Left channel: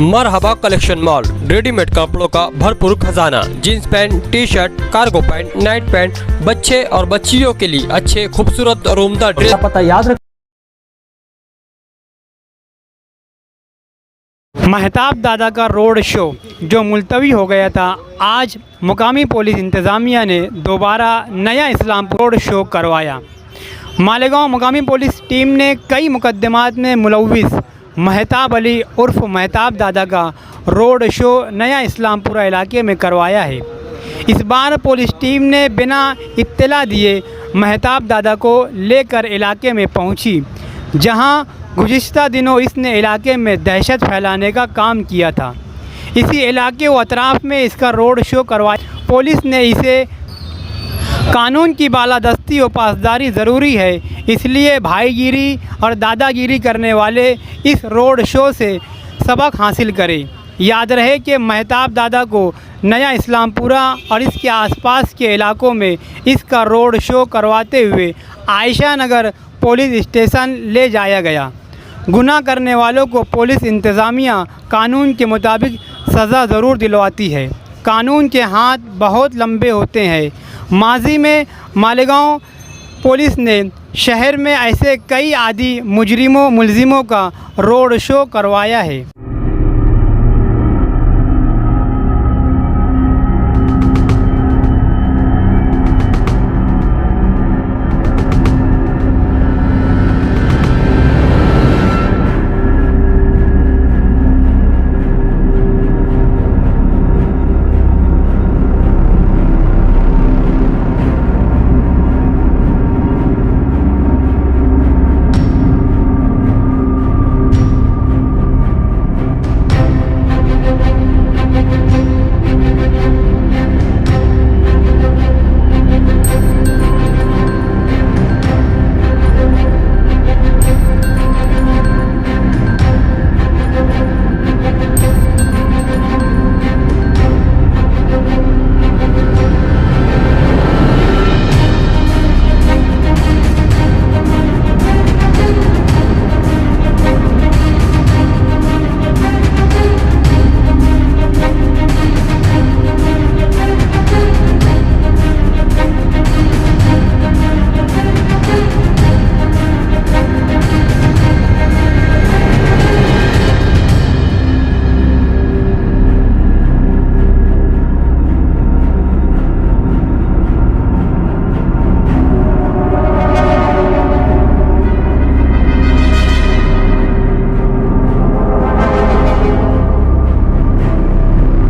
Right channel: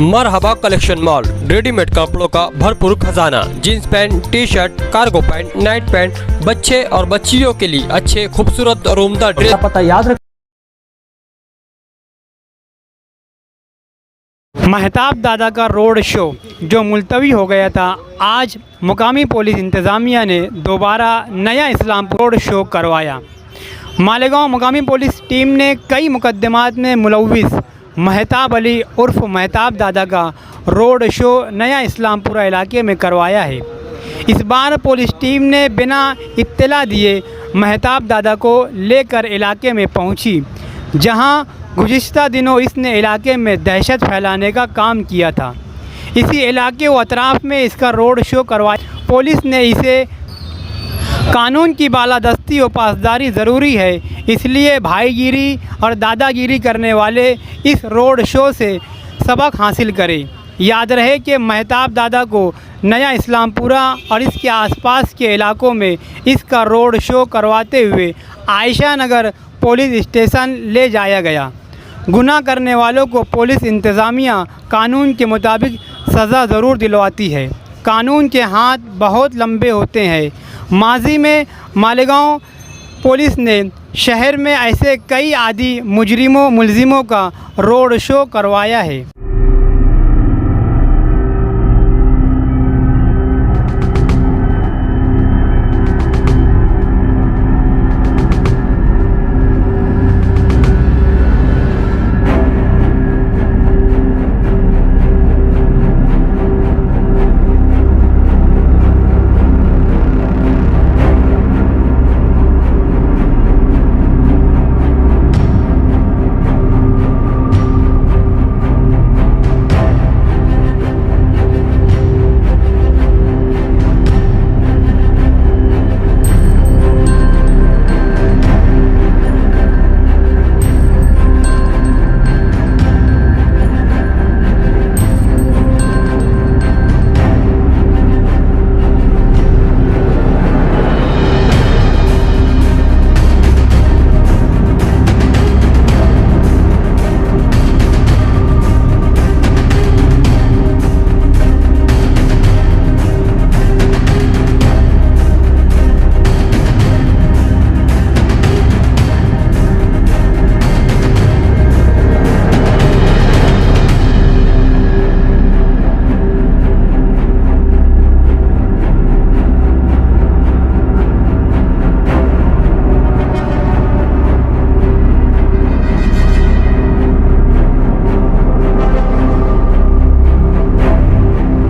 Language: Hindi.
मरहबा कलेक्शन मॉल, रेडीमेड कपड़ों का भरपूर खजाना, jeans pant, T shirt, cargo pant, night pant, बच्चे और बच्चियों के लिए अच्छे खूबसूरत और उम्दा ड्रेस। पता याद रख। महताब दादा का रोड शो जो मुलतवी हो गया था, आज मुकामी पुलिस इंतज़ामिया ने दोबारा नया इस्लामपुर रोड शो करवाया। मालेगांव मुकामी पुलिस टीम ने कई मुकदमात में मुलविस महेताब अली उर्फ महेताब दादा का रोड शो नया इस्लामपुरा इलाके में करवाया है। इस बार पुलिस टीम ने बिना इत्तला दिए महेताब दादा को लेकर इलाके में पहुंची, जहां गुज़िश्ता दिनों इसने इलाके में दहशत फैलाने का काम किया था। इसी इलाके व अतराफ में इसका रोड शो करवाया। पुलिस ने इसे कानून की बालादस्ती और पासदारी ज़रूरी है, इसलिए भाईगिरी और दादागिरी करने वाले इस रोड शो से सबक हासिल करें। याद रहे कि महेताब दादा को नया इस्लामपुरा और इसके आसपास के इलाकों में इसका रोड शो करवाते हुए आयशा नगर पुलिस स्टेशन ले जाया गया। गुनाह करने वालों को पुलिस इंतज़ामिया कानून के मुताबिक सज़ा ज़रूर दिलवाती है। कानून के हाथ बहुत लंबे होते हैं। माजी में मालेगांव पुलिस ने शहर में ऐसे कई आदी मुजरिमों मुलजिमों का रोड शो करवाया है।